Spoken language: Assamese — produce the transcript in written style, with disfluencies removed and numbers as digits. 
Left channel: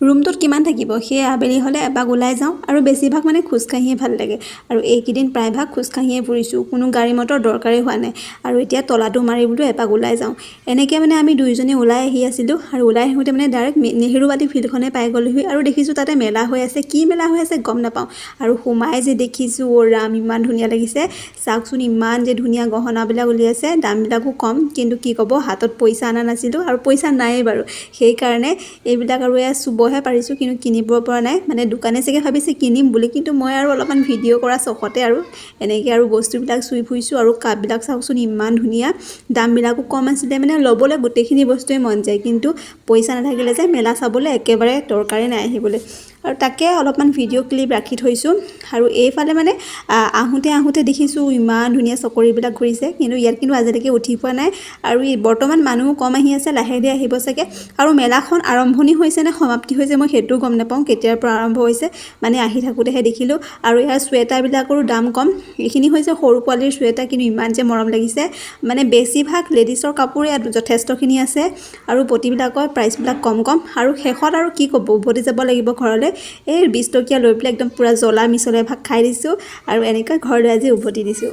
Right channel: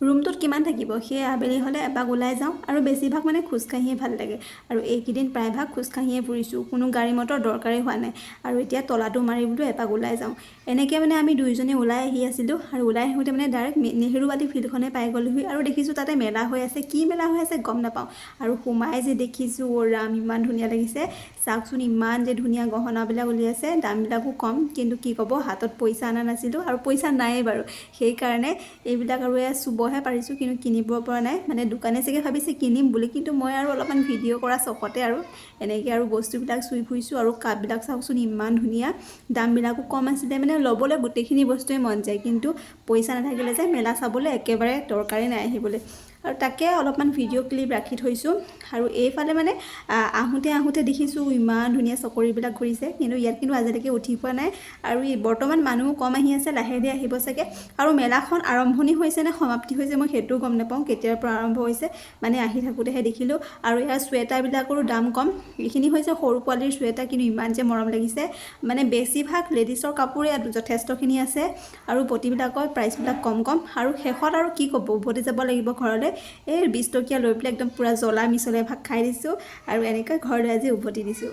ৰুমটোত কিমান থাকিব সেই আবেলি হ'লে এপাক ওলাই যাওঁ আৰু বেছিভাগ মানে খোজকাঢ়িয়ে ভাল লাগে আৰু এইকেইদিন প্ৰায়ভাগ খোজকাঢ়িয়ে ফুৰিছোঁ কোনো গাড়ী মটৰ দৰকাৰেই হোৱা নাই আৰু এতিয়া তলাটো মাৰি বোলো এপাক ওলাই যাওঁ এনেকৈ মানে আমি দুইজনী ওলাই আহি আছিলোঁ আৰু ওলাই আহোঁতে মানে ডাইৰেক্ট নেহেৰুবালি ফিল্ডখনে পাই গ'লোহি আৰু দেখিছোঁ তাতে মেলা হৈ আছে কি মেলা হৈ আছে গম নাপাওঁ আৰু সোমাই যে দেখিছোঁ ৰাম ইমান ধুনীয়া লাগিছে চাওকচোন ইমান যে ধুনীয়া গহনাবিলাক উলিয়াইছে দামবিলাকো কম কিন্তু কি ক'ব হাতত পইচা অনা নাছিলোঁ আৰু পইচা নায়েই বাৰু সেইকাৰণে এইবিলাক আৰু এয়া চুবহে পাৰিছোঁ কিন্তু কিনিব পৰা নাই মানে দোকানে চাগে ভাবিছে কিনিম বুলি কিন্তু মই আৰু অলপমান ভিডিঅ' কৰা চখতে আৰু এনেকৈ আৰু বস্তুবিলাক চুই ফুৰিছোঁ আৰু কাপবিলাক চাওকচোন ইমান ধুনীয়া দামবিলাকো কম আছিলে মানে ল'বলৈ গোটেইখিনি বস্তুৱে মন যায় কিন্তু পইচা নাথাকিলে যে মেলা চাবলৈ একেবাৰে দৰকাৰেই নাই আহিবলৈ আৰু তাকে অলপমান ভিডিঅ' ক্লিপ ৰাখি থৈছোঁ আৰু এইফালে মানে আহোঁতে দেখিছোঁ ইমান ধুনীয়া চকৰিবিলাক ঘূৰিছে কিন্তু ইয়াত কিন্তু আজিলৈকে উঠি পোৱা নাই আৰু বৰ্তমান মানুহ কম আহি আছে লাহে ধীৰে আহিব চাগে আৰু মেলাখন আৰম্ভণি হৈছে নে সমাপ্তি হৈছে মই সেইটো গম নাপাওঁ কেতিয়াৰ পৰা আৰম্ভ হৈছে মানে আহি থাকোঁতেহে দেখিলোঁ আৰু ইয়াৰ চুৱেটাৰবিলাকৰো দাম কম এইখিনি হৈছে সৰু পোৱালীৰ চুৱেটাৰ কিন্তু ইমান যে মৰম লাগিছে মানে বেছিভাগ লেডিছৰ কাপোৰে ইয়াত যথেষ্টখিনি আছে আৰু পতিবিলাকৰ প্ৰাইচবিলাক কম আৰু শেষত আৰু কি ক'ব উভতি যাব লাগিব ঘৰলৈ এই 20 টকীয়া লৈ পেলাই একদম পূৰা জ্বলা মিছলে ভাগ খাই দিছোঁ আৰু এনেকৈ ঘৰলৈ আজি উভতি দিছোঁ।